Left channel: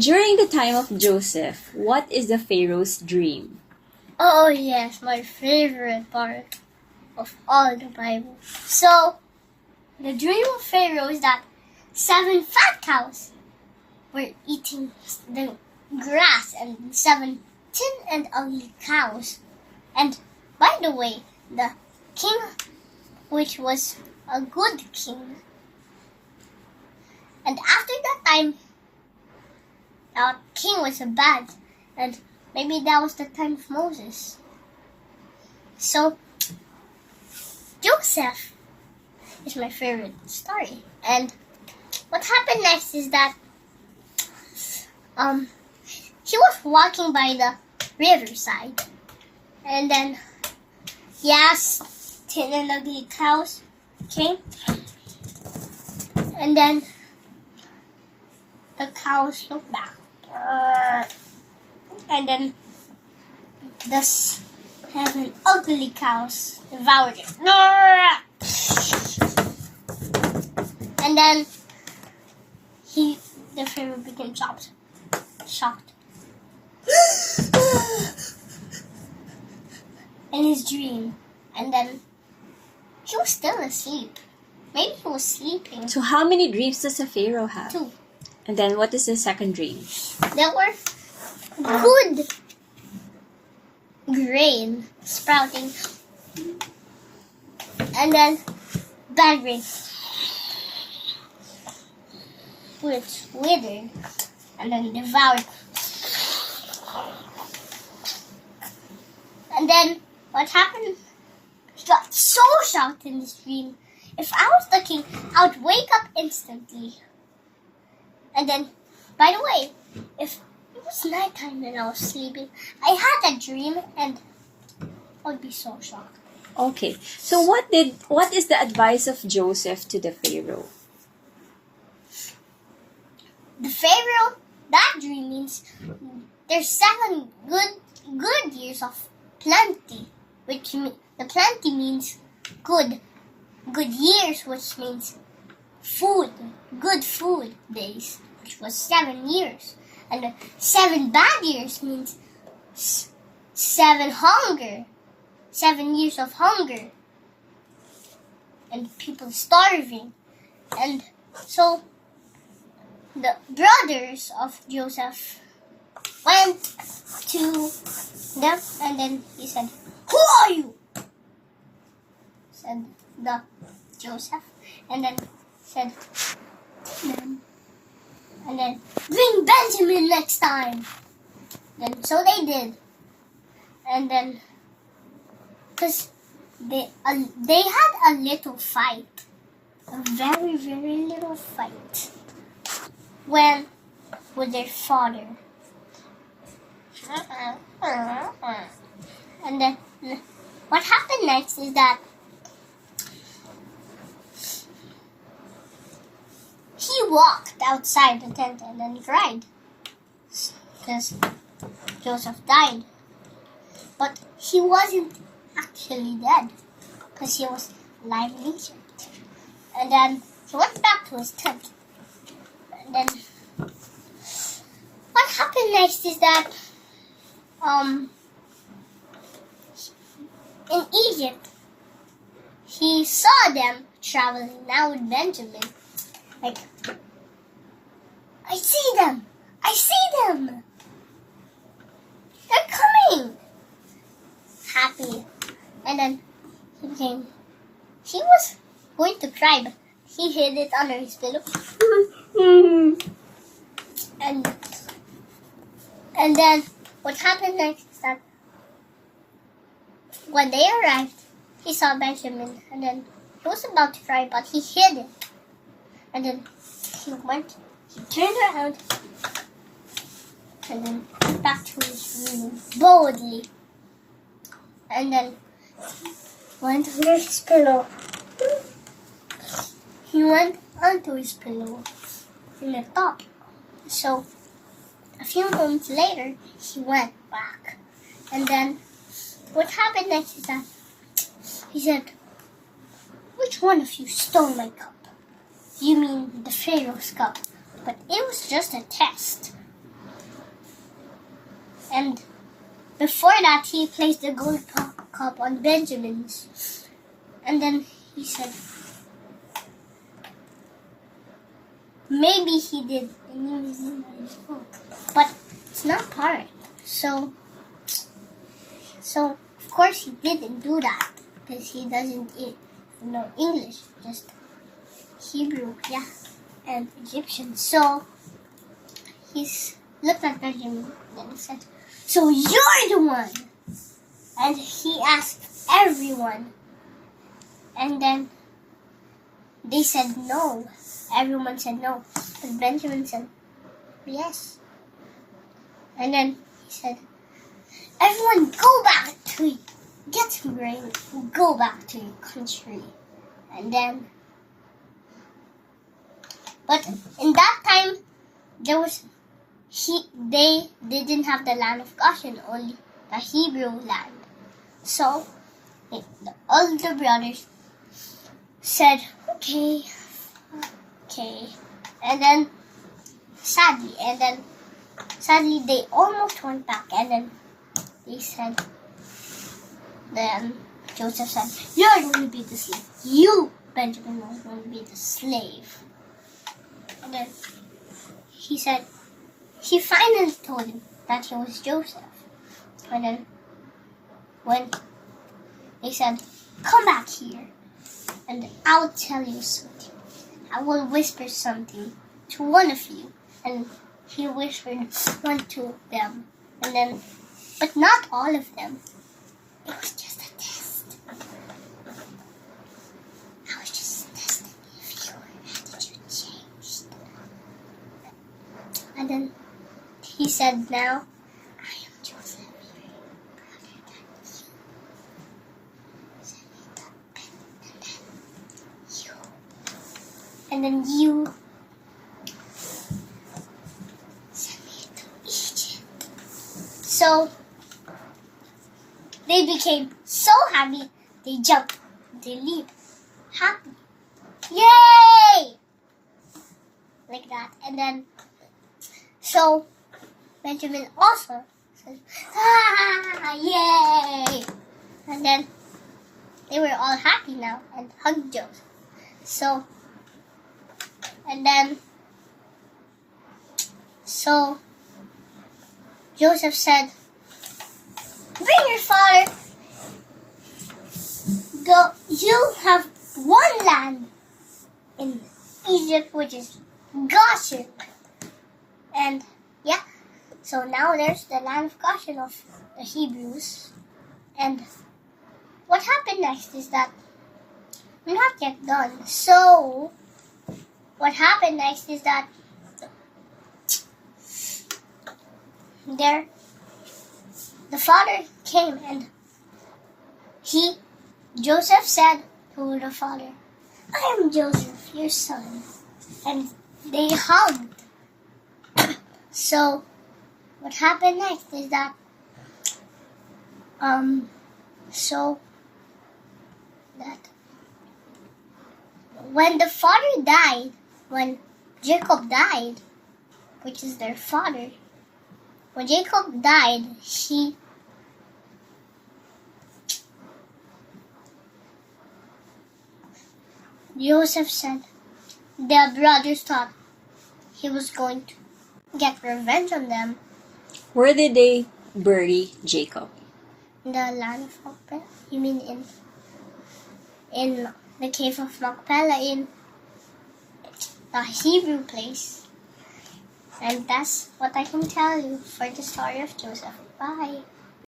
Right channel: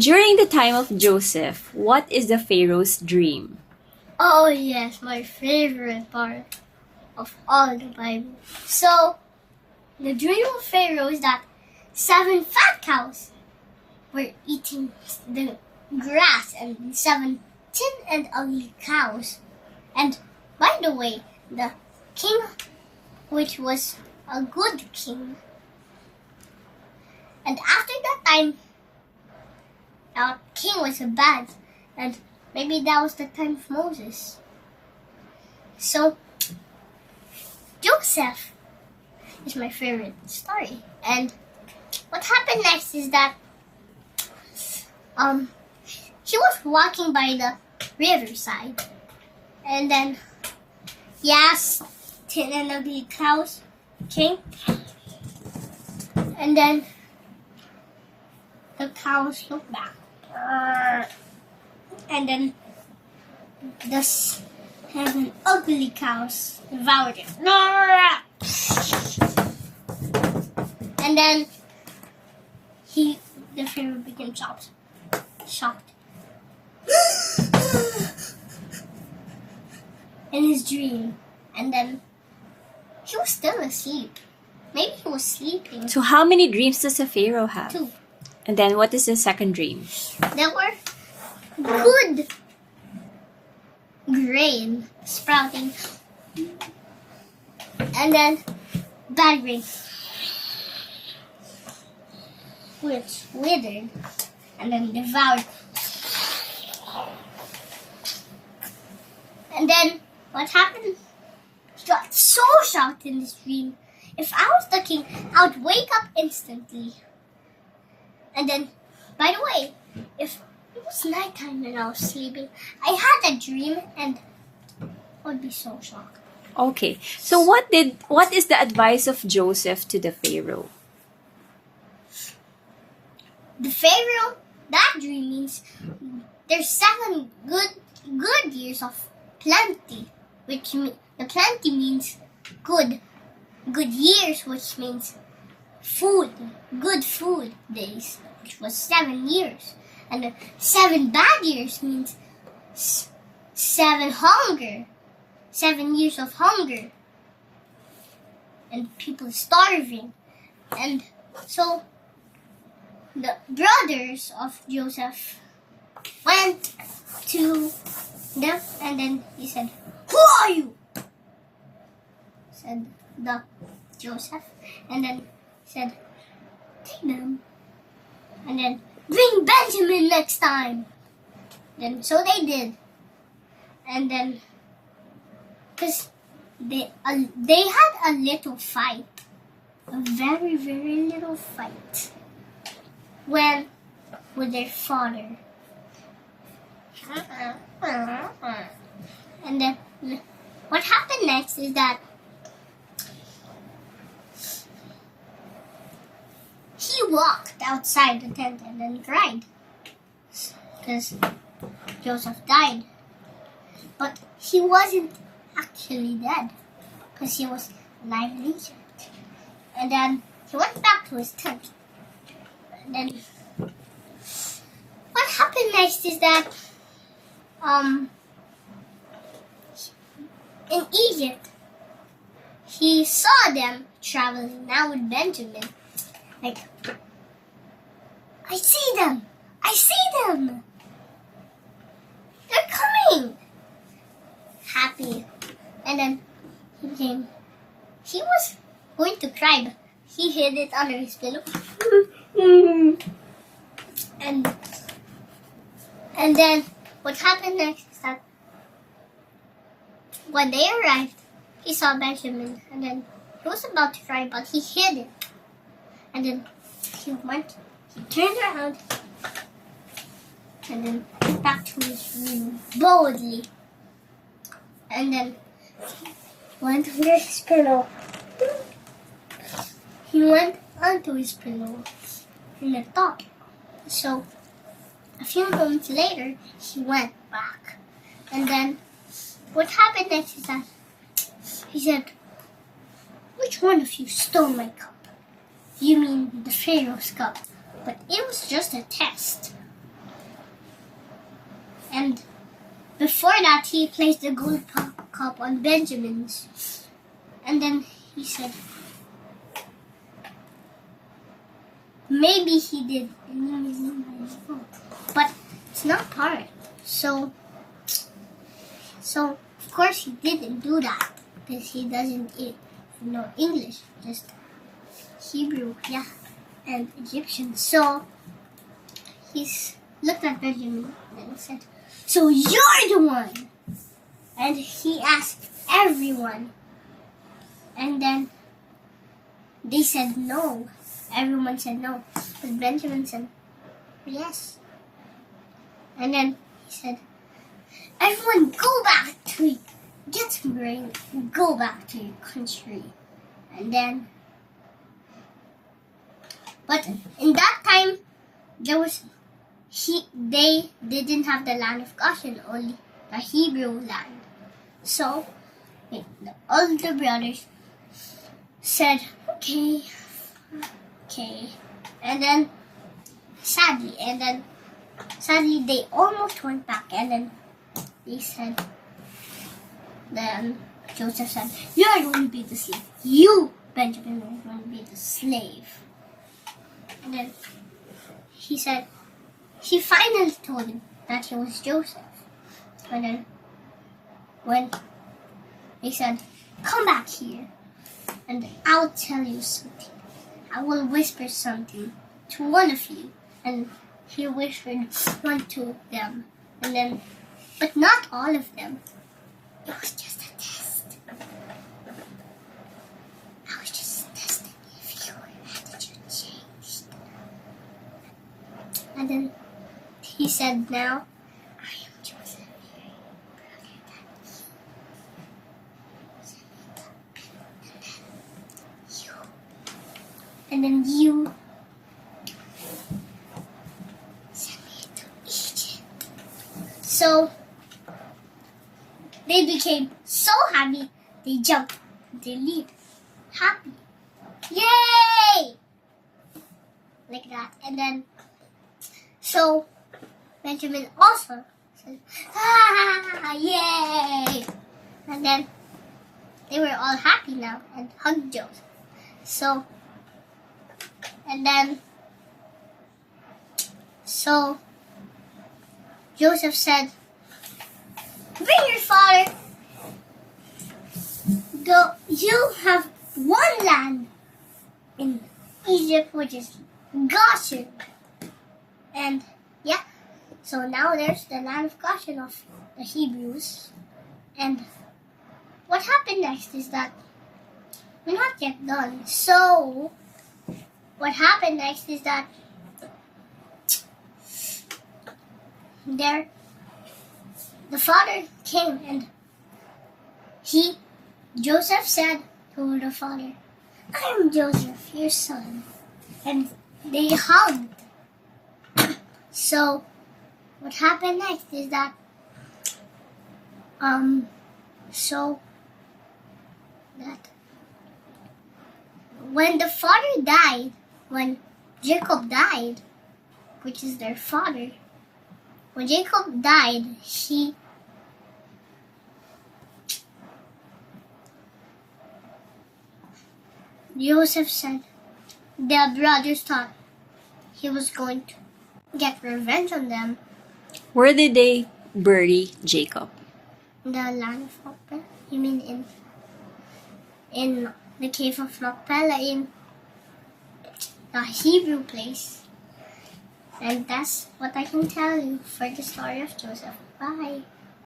During the time of Joseph, what is the Pharaoh's dream? Oh yes, my favorite part of all the Bible. So, the dream of Pharaoh is that 7 fat cows were eating the grass and 7 thin and ugly cows. And by the way, the king, which was a good king, and after that time, our king was a bad, and maybe that was the time of Moses. So, Joseph is my favorite story. And what happened next is that he was walking by the riverside, and then tin and ugly cows came, and then the cows looked back, and then the 7 ugly cows devoured it. And then the Pharaoh became shocked. In his dream. And then he was still asleep. Maybe he was sleeping. So how many dreams does a Pharaoh have? 2. And then what is the second dream? There were good grain sprouting. And then bad grain, which withered and then devoured. And then what happened? He got so shocked in this dream. If I was the king, I would wake up instantly. And then, by the way, if it was nighttime and I was sleeping, I had a dream and I would be so shocked. Okay. So what is the advice of Joseph to the Pharaoh? The Pharaoh, that dream means there's 7 good years of plenty, which the plenty means good years, which means food, good food days, which was 7 years, and the 7 bad years means 7 years of hunger, and people starving, and so the brothers of Joseph went to them, and then he said, "Who are you?" said the Joseph, and then said, "Take them, and then bring Benjamin next time." And so they did, and then because they had a little fight, a very little fight, with their father. And then what happened next is that he walked outside the tent and then cried because Joseph died. But he wasn't actually dead because he was alive in Egypt. And then he went back to his tent. And then what happened next is that in Egypt, he saw them traveling now with Benjamin. Like, I see them! They're coming! Happy. And then he was going to cry, but he hid it under his pillow. And then what happened next is that when they arrived, he saw Benjamin, and then he was about to cry, but he hid it. And then he turned around, and then went back to his room boldly, and then went under his pillow. He went onto his pillow in the top. So a few moments later, he went back. And then what happened next is that he said, "Which one of you stole my cup?" "You mean the Pharaoh's cup?" "But it was just a test." before that, he placed the gold cup on Benjamin's. And then he said, maybe he did. But it's not part. So of course he didn't do that. Because he doesn't know English. Just Hebrew, yeah. And Egyptian. So he's looked at Benjamin and said, so you're the one. And he asked everyone. And then they said no. Everyone said no. But Benjamin said yes. And then he said, everyone go back to get some grain. Go back to your country. And then, but in that time, they didn't have the land of Goshen, only the Hebrew land. So all the brothers said, okay. And then sadly they almost went back, and then then Joseph said, you're going to be the slave. You, Benjamin, are going to be the slave. And then he finally told him that he was Joseph. And then when they said, come back here and I'll tell you something. I will whisper something to one of you. And he whispered one to them. And then, but not all of them. It was just a test. I was just testing if your attitude changed. And then he said, now, I am Joseph, your brother than you. And then you sent me to Egypt. So they became so happy, they jumped, they leaped, happy. Yay! Like that. And then, so Benjamin also said, yay! And then they were all happy now and hugged Joseph. So Joseph said, bring your father. Go. You have one land in Egypt, which is Goshen. And yeah, so now there's the land of Goshen of the Hebrews. And what happened next is that we're not yet done. So what happened next is that the father came and Joseph said to the father, I am Joseph, your son. And they hugged. So what happened next is that when the father died, when Jacob died, which is their father, when Jacob died, Joseph said the brothers thought he was going to get revenge on them. Where did they bury Jacob? In the land of Machpelah? You mean in the cave of Machpelah, in the Hebrew place. And that's what I can tell you for the story of Joseph. Bye.